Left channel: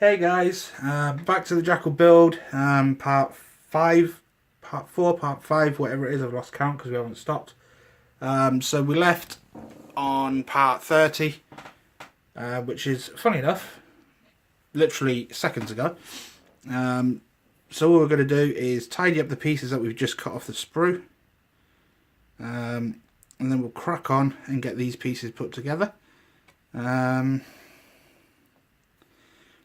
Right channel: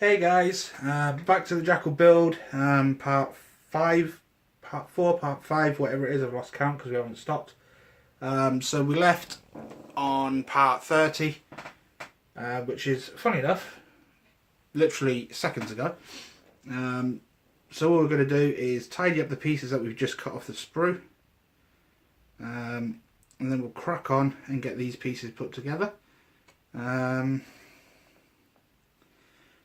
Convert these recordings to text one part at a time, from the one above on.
Hey guys, back to the Jackal build, part 5, part 4, part 5, whatever it is, I've lost count because we haven't stopped. So we left on part 30, which is, funny enough, literally seconds ago. So what we're going to do is tidy up the pieces that we've just cut off the sprue, and then we'll crack on and get these pieces put together.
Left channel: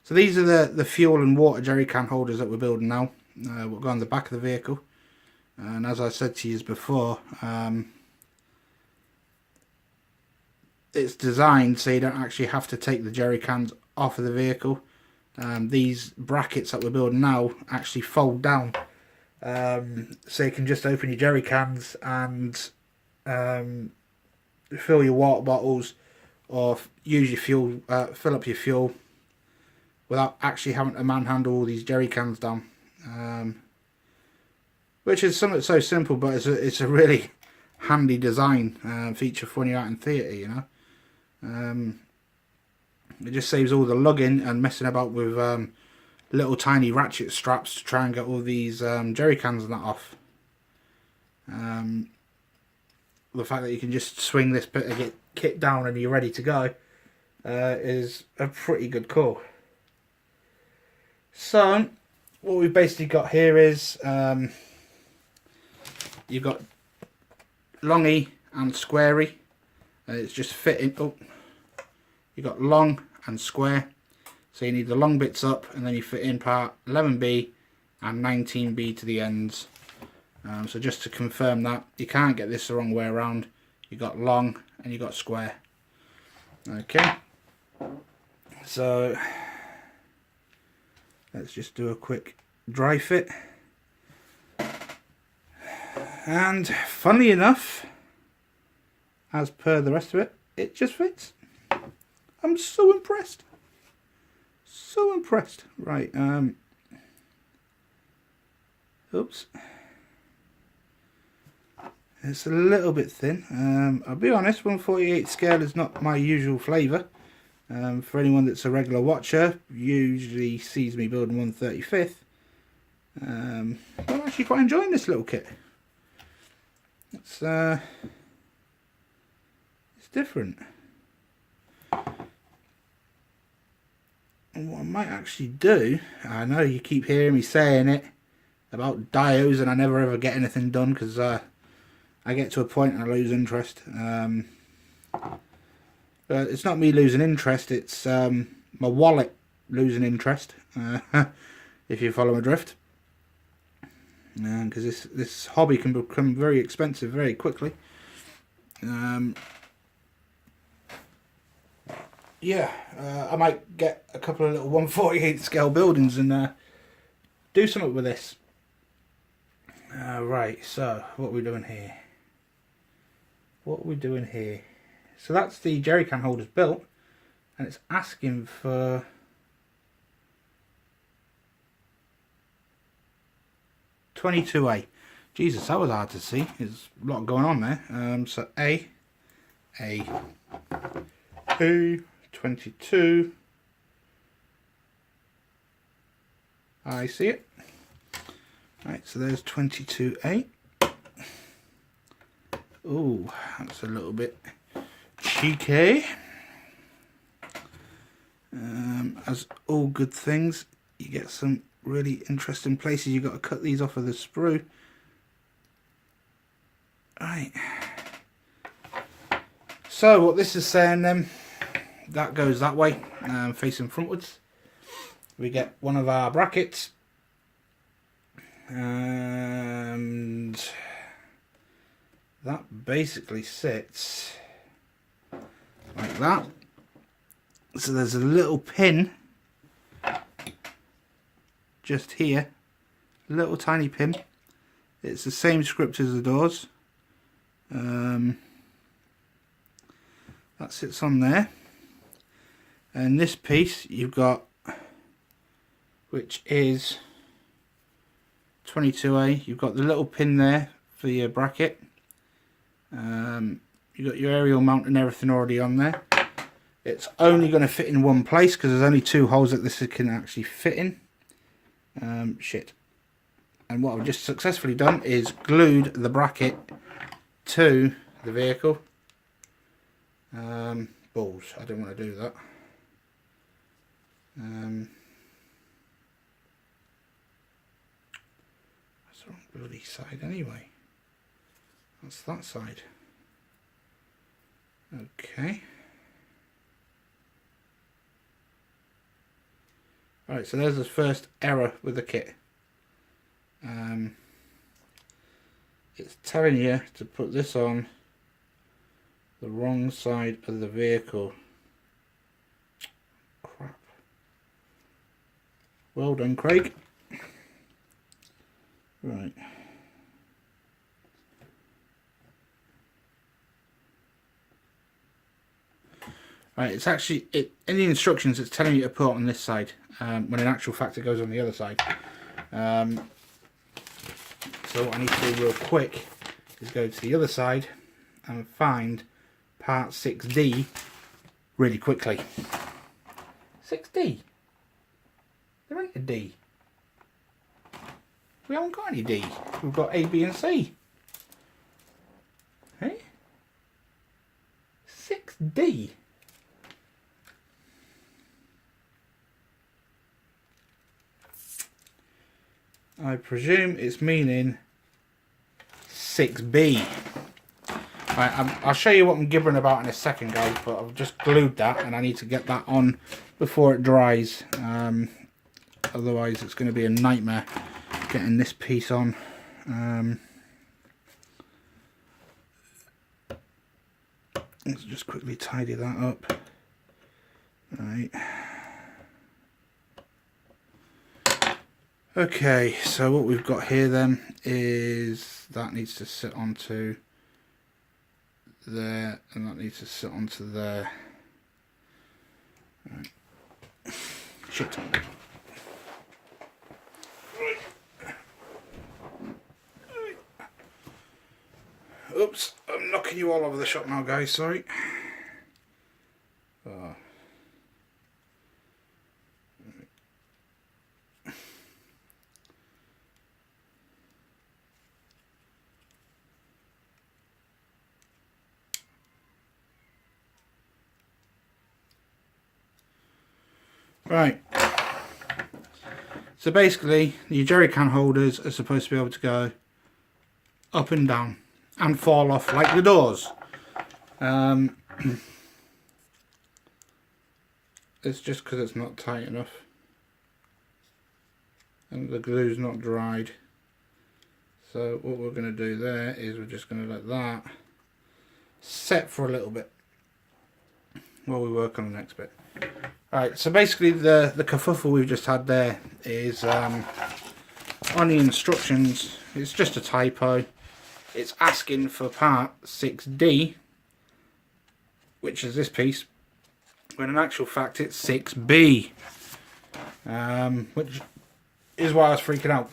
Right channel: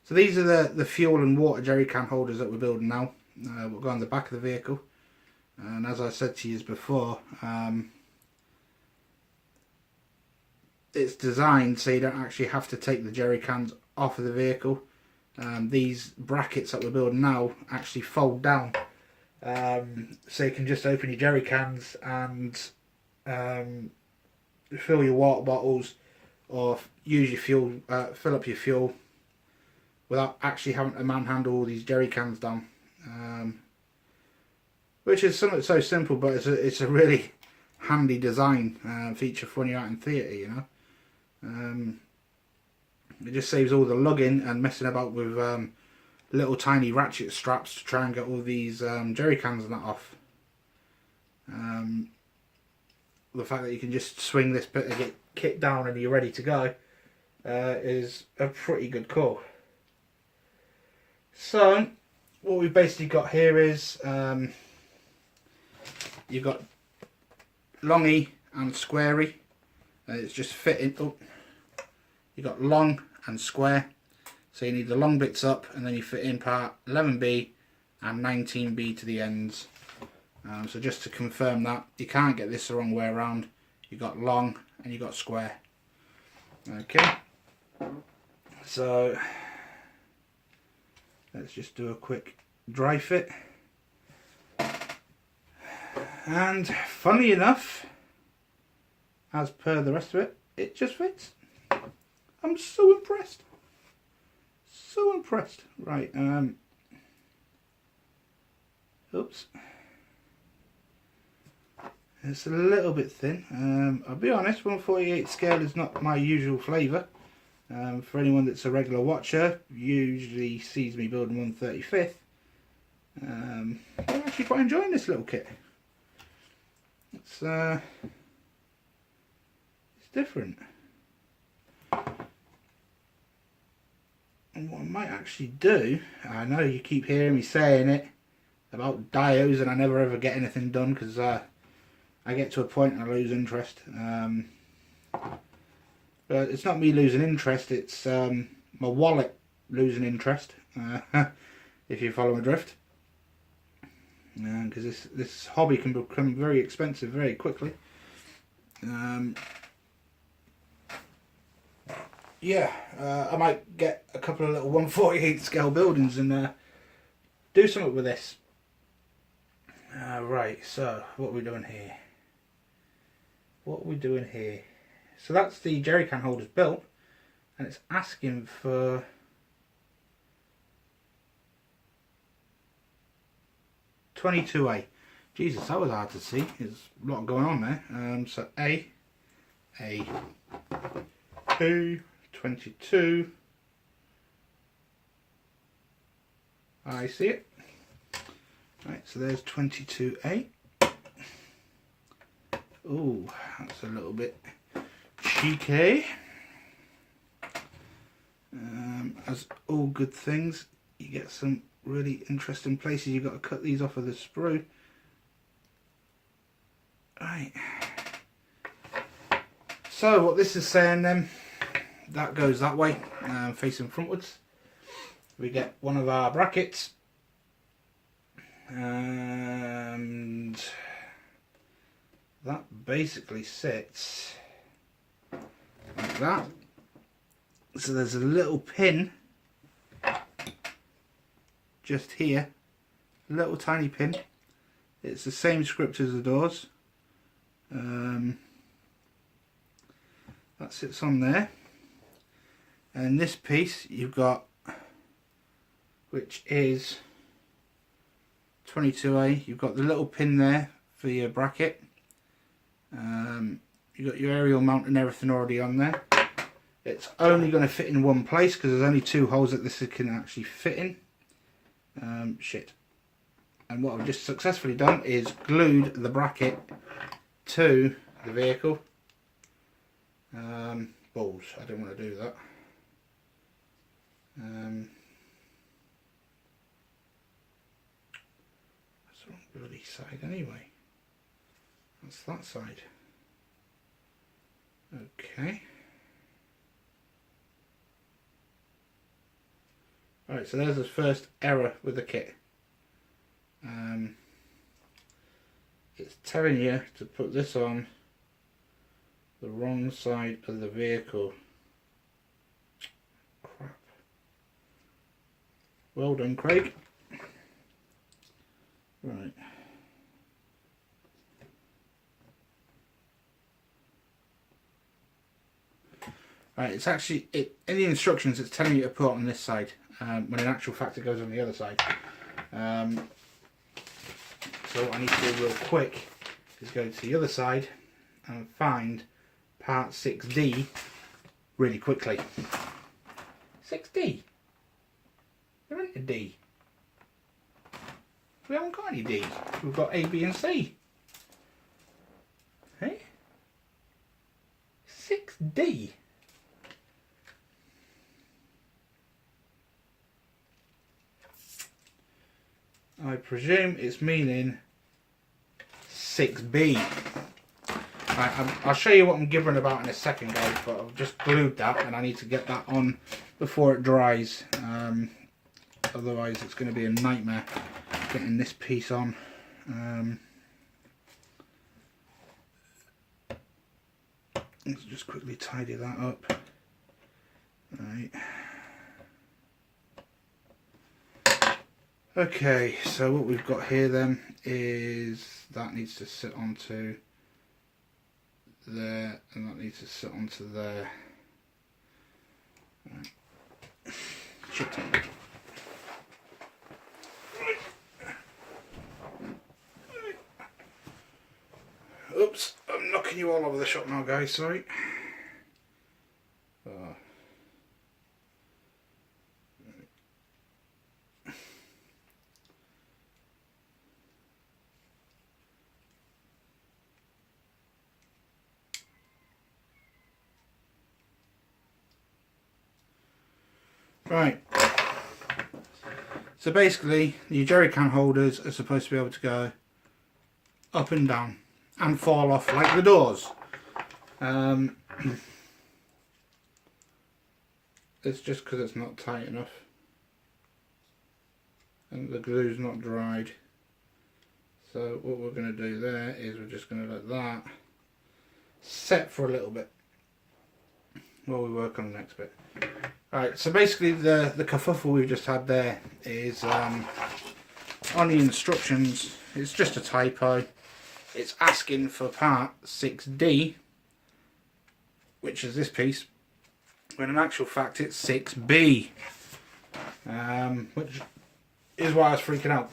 So these are the fuel and water jerry can holders that we're building now. We'll go on the back of the vehicle, and as I said to you before, it's designed so you don't actually have to take the jerry cans off of the vehicle. These brackets that we're building now actually fold down, so you can just open your jerry cans and fill your water bottles or use your fuel, fill up your fuel, without actually having to manhandle all these jerry cans down, which is something so simple, but it's a really handy design feature for when you're out in theatre, you know. It just saves all the lugging and messing about with little tiny ratchet straps to try and get all these jerry cans and that off. The fact that you can just swing this bit of kit down and you're ready to go is a pretty good call. So what we've basically got here is you've got longy and squarey, and it's just fitting up. You've got long and square, so you need the long bits up, and then you fit in part 11B and 19B to the ends. So just to confirm that, you can't get this the wrong way around. You've got long and you've got square. Okay, so let's just do a quick dry fit. And funnily enough, as per the rest of it, it just fits. I'm so impressed. So impressed. Right, oops. It's a little bit thin. I'll be honest, 1/48 scale is not my usual flavour. For anyone that's a regular watcher, usually sees me building 1/35. I'm actually quite enjoying this little kit. It's different. And what I might actually do, I know you keep hearing me saying it about dios, and I never ever get anything done because I get to a point and I lose interest. But it's not me losing interest, it's my wallet losing interest, if you follow my drift. Because this hobby can become very expensive very quickly. Yeah, I might get a couple of little 1/48 scale buildings and do something with this. Right, so what are we doing here? What are we doing here? So that's the jerry can holders built, and it's asking for (22A). Jesus, that was hard to see. There's a lot going on there. So A, 22. I see it. Right, so there's 22A. Ooh, that's a little bit cheeky. As all good things, you get some really interesting places. You've got to cut these off of the sprue. Right. So what this is saying then, that goes that way, facing frontwards. We get one of our brackets, and that basically sits like that. So there's a little pin just here, little tiny pin. It's the same script as the doors. That sits on there, and this piece you've got, which is 22A, you've got the little pin there for your bracket. You've got your aerial mount and everything already on there. It's only going to fit in one place because there's only 2 holes that this can actually fit in. Shit. And what I've just successfully done is glued the bracket to the vehicle. Balls, I don't want to do that. That's the wrong bloody side anyway. That's that side. Okay. Alright, so there's the first error with the kit. It's telling you to put this on the wrong side of the vehicle. Crap. Well done, Craig. Right. Right, it's actually, in the instructions it's telling you to put it on this side, when in actual fact it goes on the other side. So what I need to do real quick is go to the other side and find part 6D really quickly. 6D? There ain't a D. We haven't got any D. We've got A, B and C. Hey? 6D? I presume it's meaning 6B. Right, I'll show you what I'm gibbering about in a second, guys, but I've just glued that and I need to get that on before it dries. Otherwise it's going to be a nightmare getting this piece on. Let's just quickly tidy that up. Right. Okay, so what we've got here then is that needs to sit onto there and that needs to sit onto there. Right. Shit. Oops, I'm knocking you all over the shop now, guys, sorry. Oh. Right, so basically your Jerrycan holders are supposed to be able to go up and down and fall off like the doors. It's just because it's not tight enough and the glue's not dried. So what we're going to do there is we're just going to let that set for a little bit while we work on the next bit. Alright, so basically the kerfuffle we've just had there is on the instructions, it's just a typo. It's asking for part 6D, which is this piece, when in actual fact it's 6B, which is why I was freaking out.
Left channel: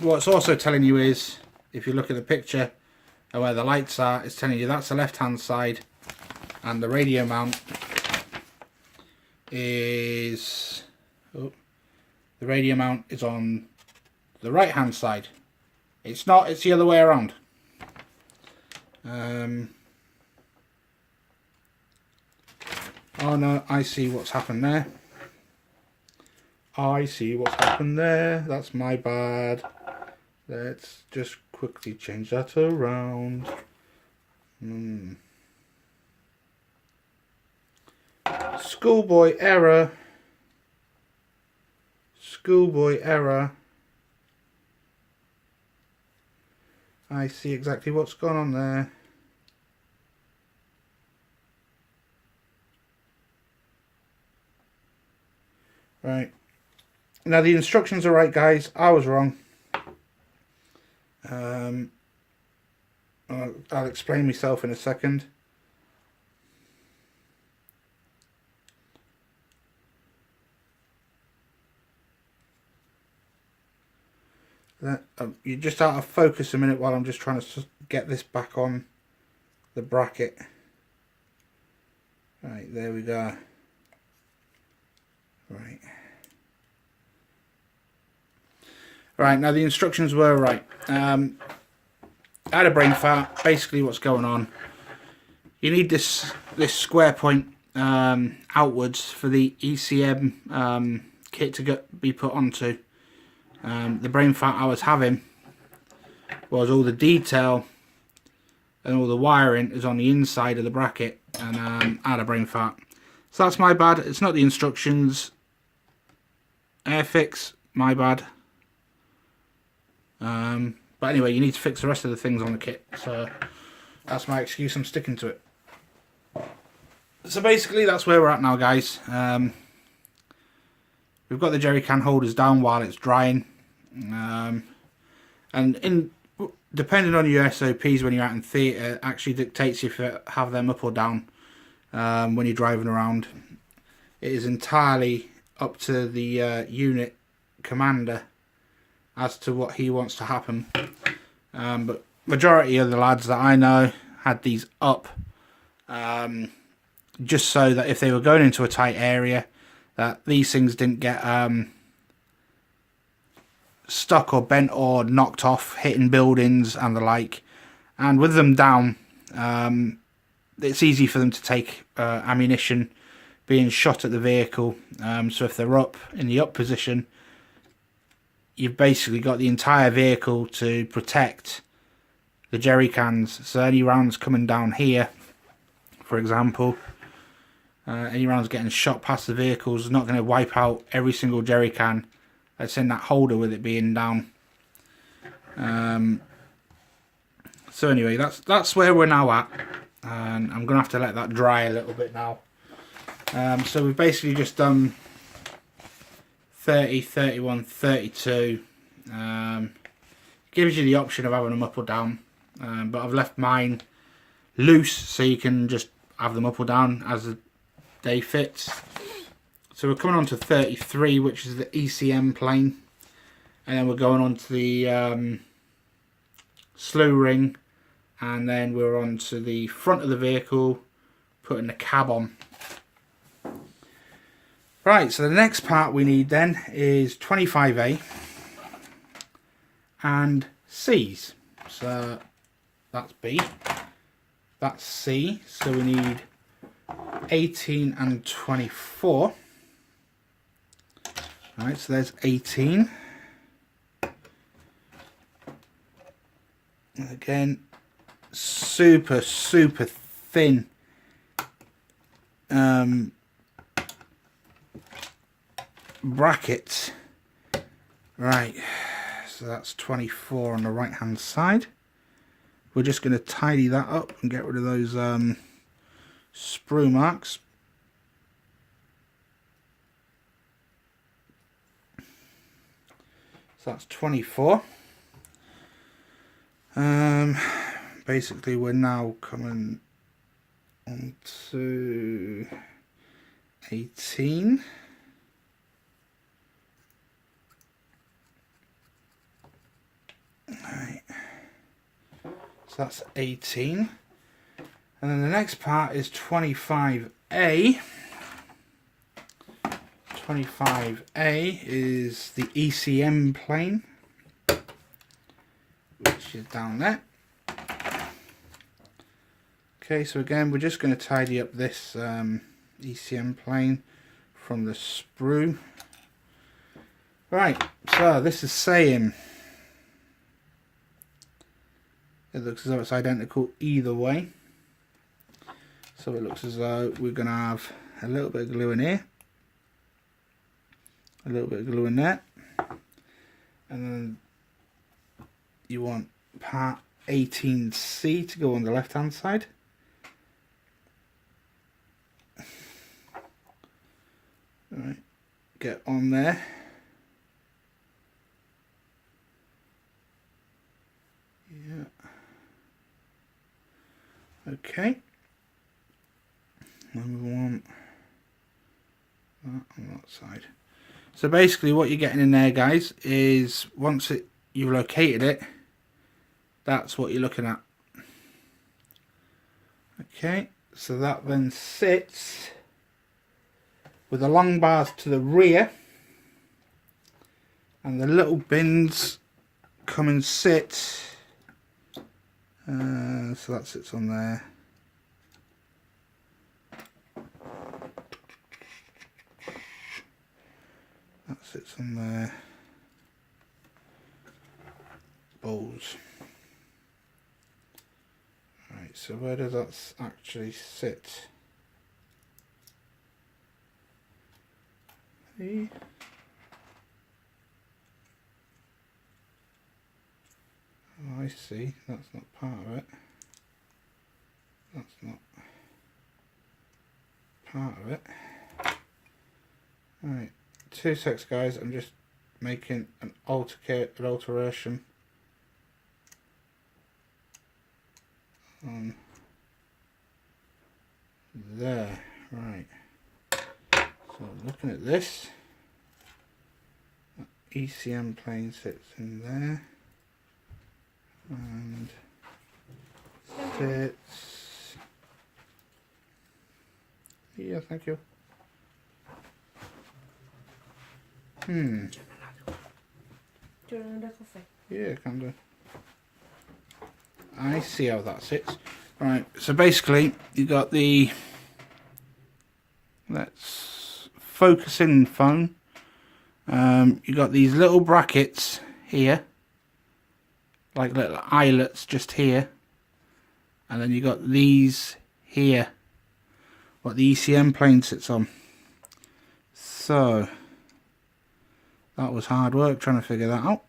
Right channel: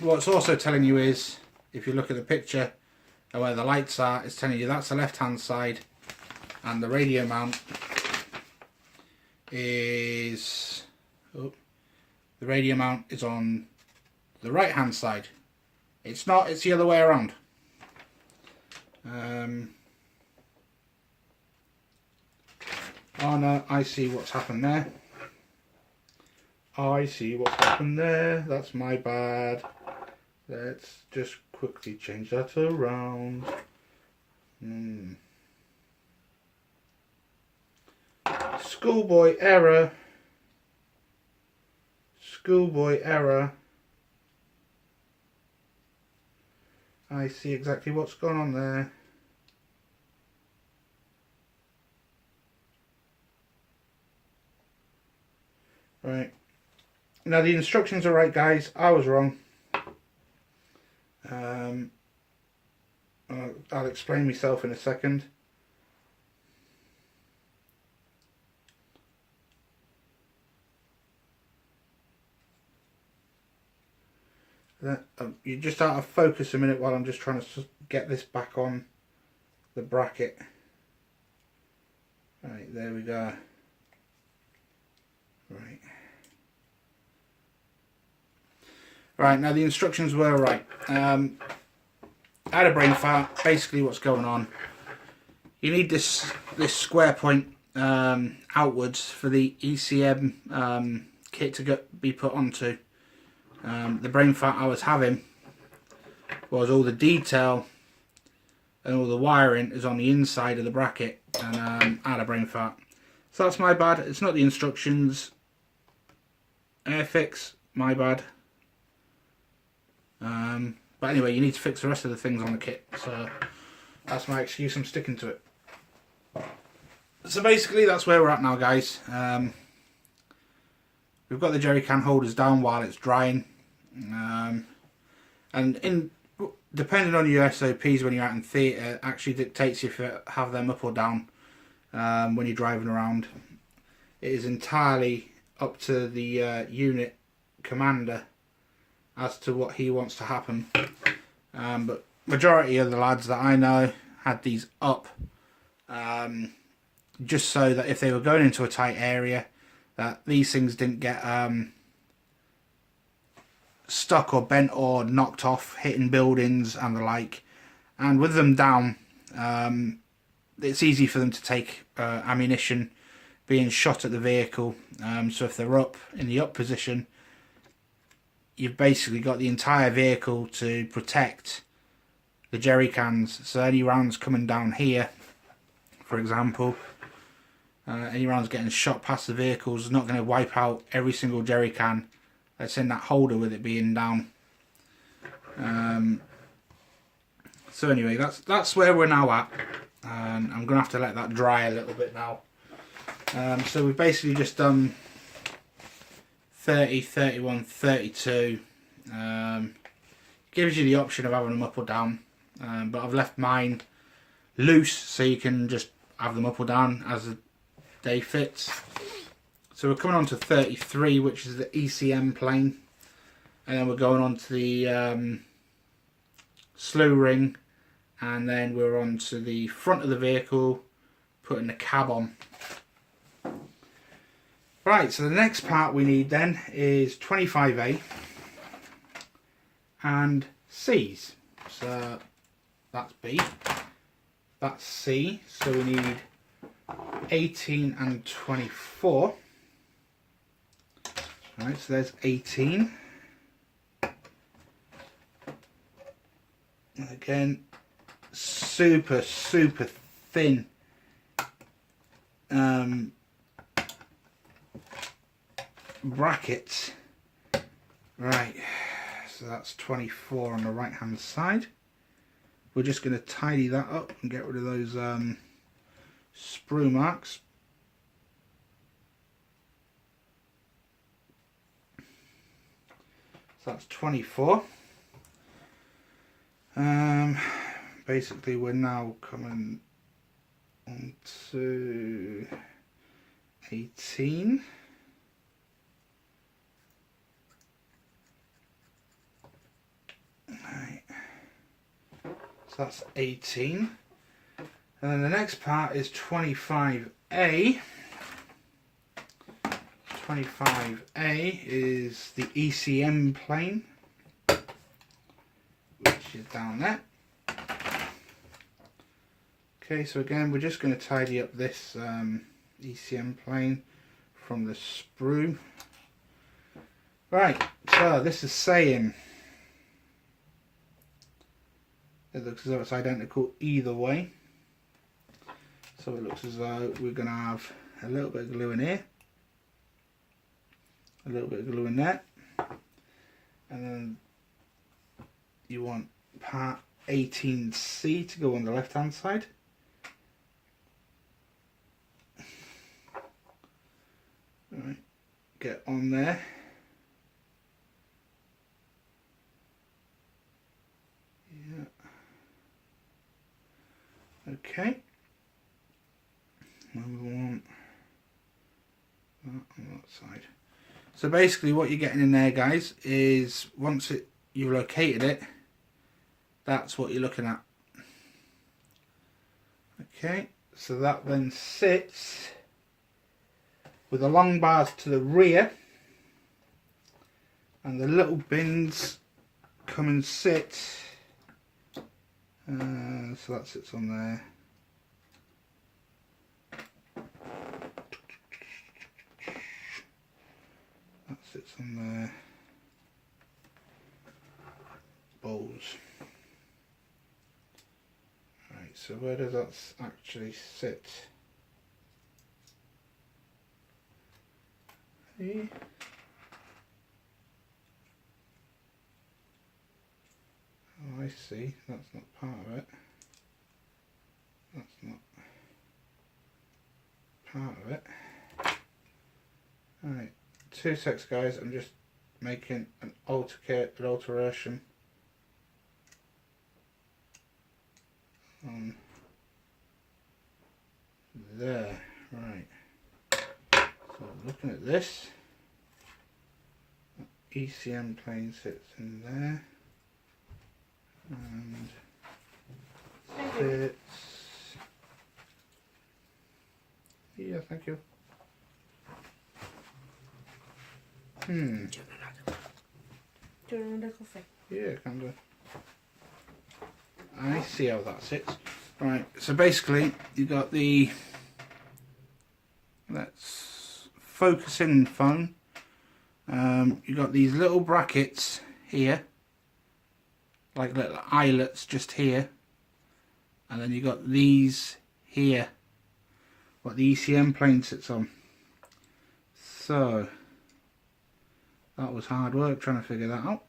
What it's also telling you is, if you look at the picture of where the lights are, it's telling you that's the left hand side and the radio mount is, the radio mount is on the right hand side. It's not, it's the other way around. Oh no, I see what's happened there. I see what's happened there. That's my bad. Let's just quickly change that around. Schoolboy error. Schoolboy error. I see exactly what's gone on there. Right. Now the instructions are right, guys. I was wrong. I'll explain myself in a second. You're just out of focus a minute while I'm just trying to get this back on the bracket. Right, there we go. Right. Right, now the instructions were right. I had a brain fart. Basically what's going on, you need this square point outwards for the ECM kit to be put onto. The brain fart I was having was all the detail and all the wiring is on the inside of the bracket, and I had a brain fart. So that's my bad. It's not the instructions. Airfix, my bad. But anyway, you need to fix the rest of the things on the kit. So that's my excuse. I'm sticking to it. So basically, that's where we're at now, guys. We've got the Jerrycan holders down while it's drying, and depending on your SOPs when you're out in theatre, actually dictates if you have them up or down when you're driving around. It is entirely up to the unit commander as to what he wants to happen. But majority of the lads that I know had these up just so that if they were going into a tight area, that these things didn't get stuck or bent or knocked off, hitting buildings and the like. And with them down, it's easy for them to take ammunition being shot at the vehicle. So if they're up in the up position, you've basically got the entire vehicle to protect the Jerrycans. So any rounds coming down here, for example, any rounds getting shot past the vehicles is not going to wipe out every single Jerrycan that's in that holder with it being down. So anyway, that's where we're now at, and I'm going to have to let that dry a little bit now. So we've basically just done 30, 31, 32. Gives you the option of having them up or down, but I've left mine loose so you can just have them up or down as the day fits. So we're coming on to 33, which is the ECM plane, and then we're going on to the slew ring, and then we're on to the front of the vehicle, putting the cab on. Right, so the next part we need then is 25A and C's. So that's B, that's C, so we need 18 and 24. Right, so there's 18. Again, super thin bracket. Right, so that's 24 on the right hand side. We're just going to tidy that up and get rid of those sprue marks. So that's 24. Basically we're now coming on to 18. Right. So that's 18. And then the next part is 25A. 25A is the ECM plane, which is down there. Okay, so again, we're just going to tidy up this ECM plane from the sprue. Right, so this is saying it looks as though it's identical either way. So it looks as though we're going to have a little bit of glue in here, a little bit of glue in there, and then you want part 18C to go on the left hand side. Right, get on there. Yeah. Okay. And we want that on that side. So basically what you're getting in there, guys, is once you've located it, that's what you're looking at. Okay, So that then sits with the long bars to the rear, and the little bins come and sit. So that sits on there. That sits on there. Bowls. Right, so where does that actually sit? Hey. Oh, I see, that's not part of it. That's not part of it. Right, 2 secs guys, I'm just making an alteration on there. Right, so looking at this, that ECM plane sits in there and sits, yeah, thank you. Do you want another coffee? Yeah, can do. I see how that sits. Right, so basically you got the, let's focus in phone. You got these little brackets here, like little eyelets just here, and then you got these here, what the ECM plane sits on. So that was hard work trying to figure that out.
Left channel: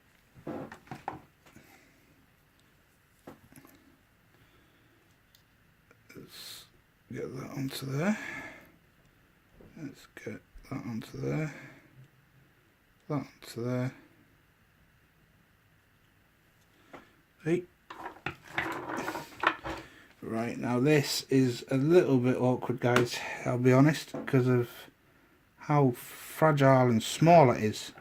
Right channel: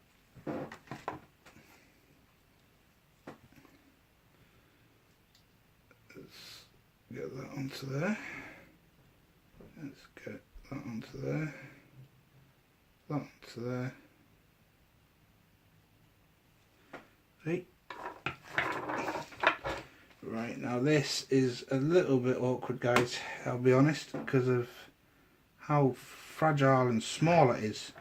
Let's get that onto there. Let's get that onto there. That onto there. Hey. Right, now this is a little bit awkward guys, I'll be honest, because of how fragile and small it is.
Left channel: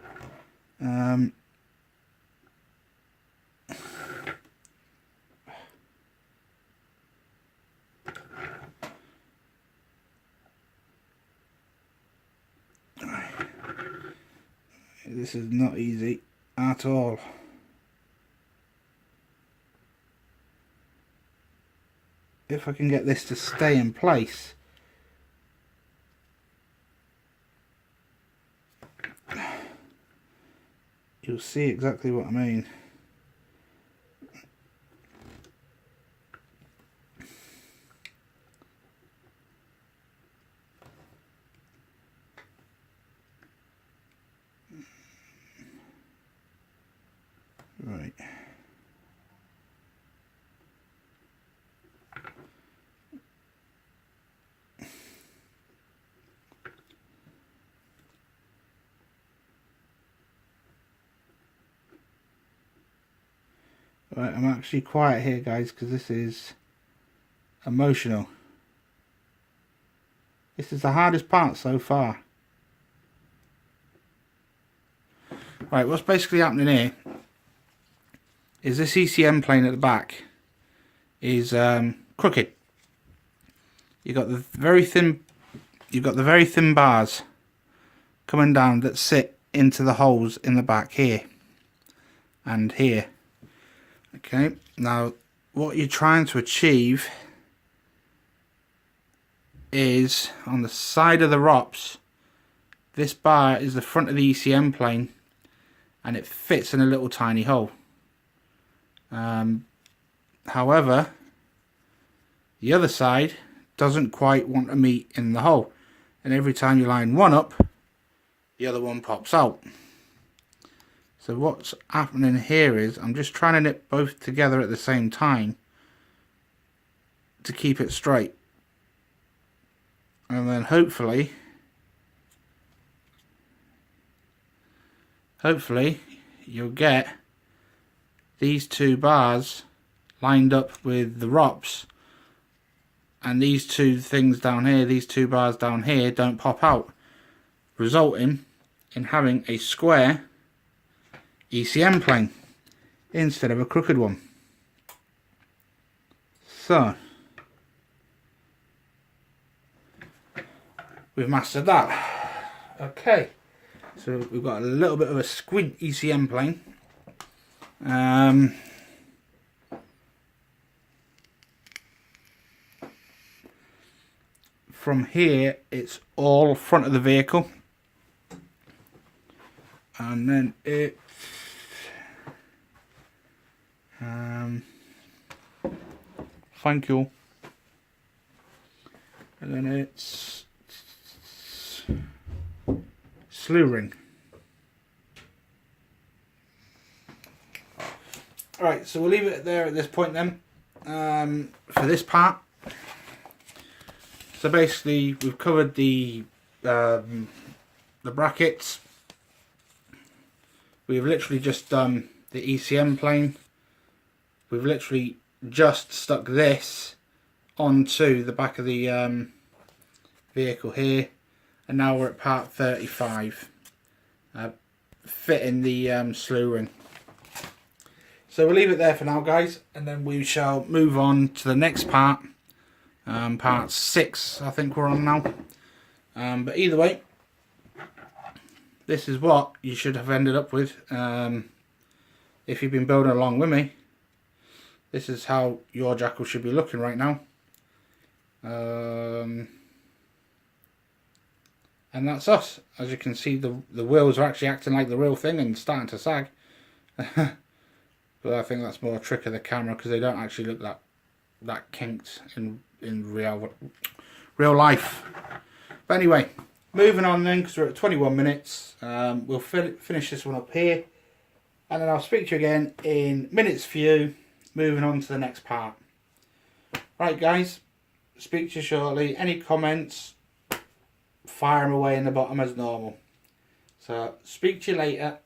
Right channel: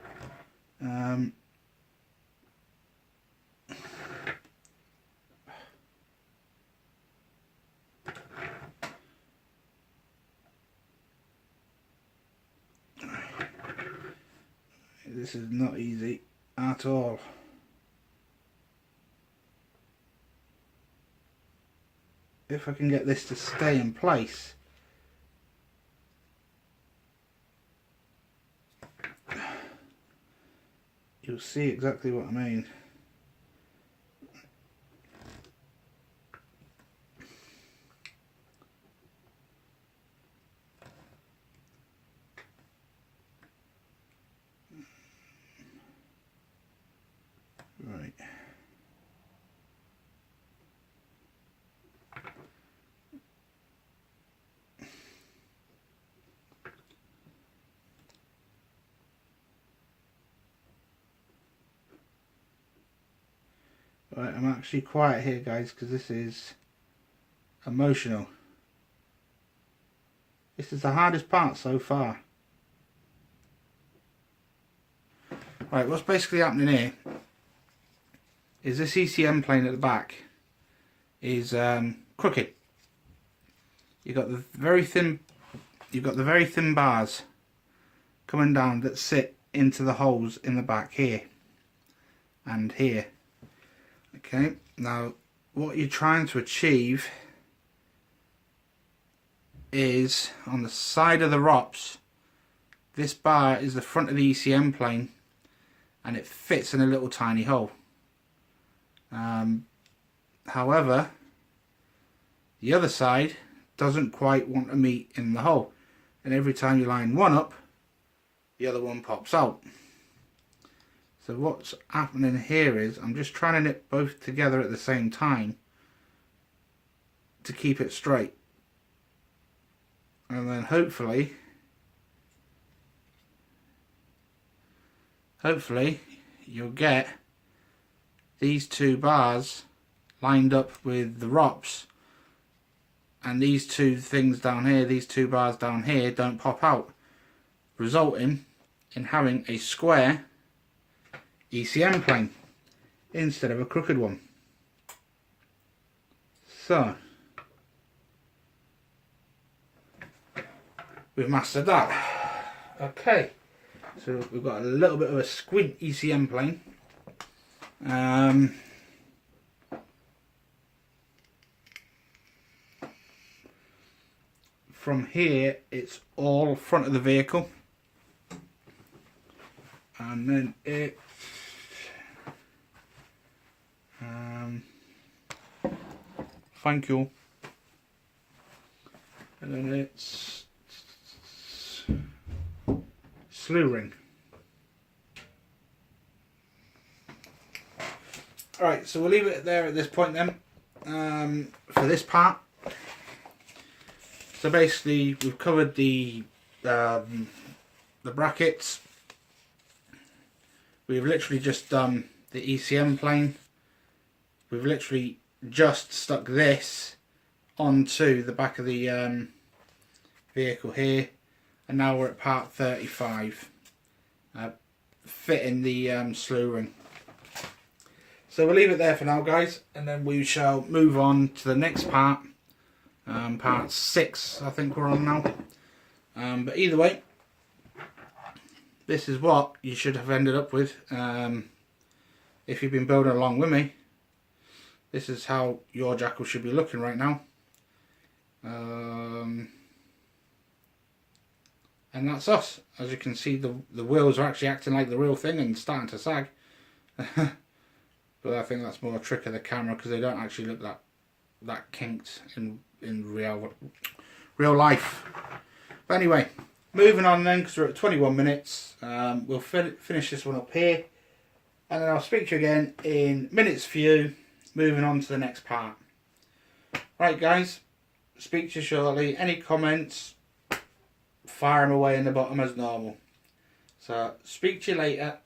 This is not easy at all. If I can get this to stay in place, you'll see exactly what I mean. Right. Right, I'm actually quiet here guys because this is emotional. This is the hardest part so far. Right, what's basically happening here is this ECM plane at the back is crooked. You've got the very thin bars coming down that sit into the holes in the back here and here. Okay, now what you're trying to achieve is on the side of the ROPS, this bar is the front of the ECM plane and it fits in a little tiny hole. However, the other side doesn't quite want to meet in the hole, and every time you line one up, the other one pops out. So what's happening here is I'm just trying to knit both together at the same time to keep it straight, and then hopefully you'll get these two bars lined up with the ROPS, and these two things down here, these two bars down here, don't pop out, resulting in having a square ECM plane instead of a crooked one. So we've mastered that. Okay, so we've got a little bit of a squid ECM plane. From here, it's all front of the vehicle, and then it. Thank you. And then it's slew ring. Alright, so we'll leave it there at this point then, for this part. So basically we've covered the brackets. We've literally just done the ECM plane. We've literally just stuck this onto the back of the vehicle here, and now we're at part 35, fitting the slew ring. So we'll leave it there for now, guys, and then we shall move on to the next part, part 6 I think we're on now. But either way, this is what you should have ended up with if you've been building along with me. This is how your jackal should be looking right now. And that's us. As you can see, the wheels are actually acting like the real thing and starting to sag. But I think that's more a trick of the camera, because they don't actually look that kinked in real life. But anyway, moving on then, because we're at 21 minutes. We'll finish this one up here, and then I'll speak to you again in minutes for you. Moving on to the next part. Right, guys, speak to you shortly. Any comments, fire them away in the bottom as normal. So, speak to you later.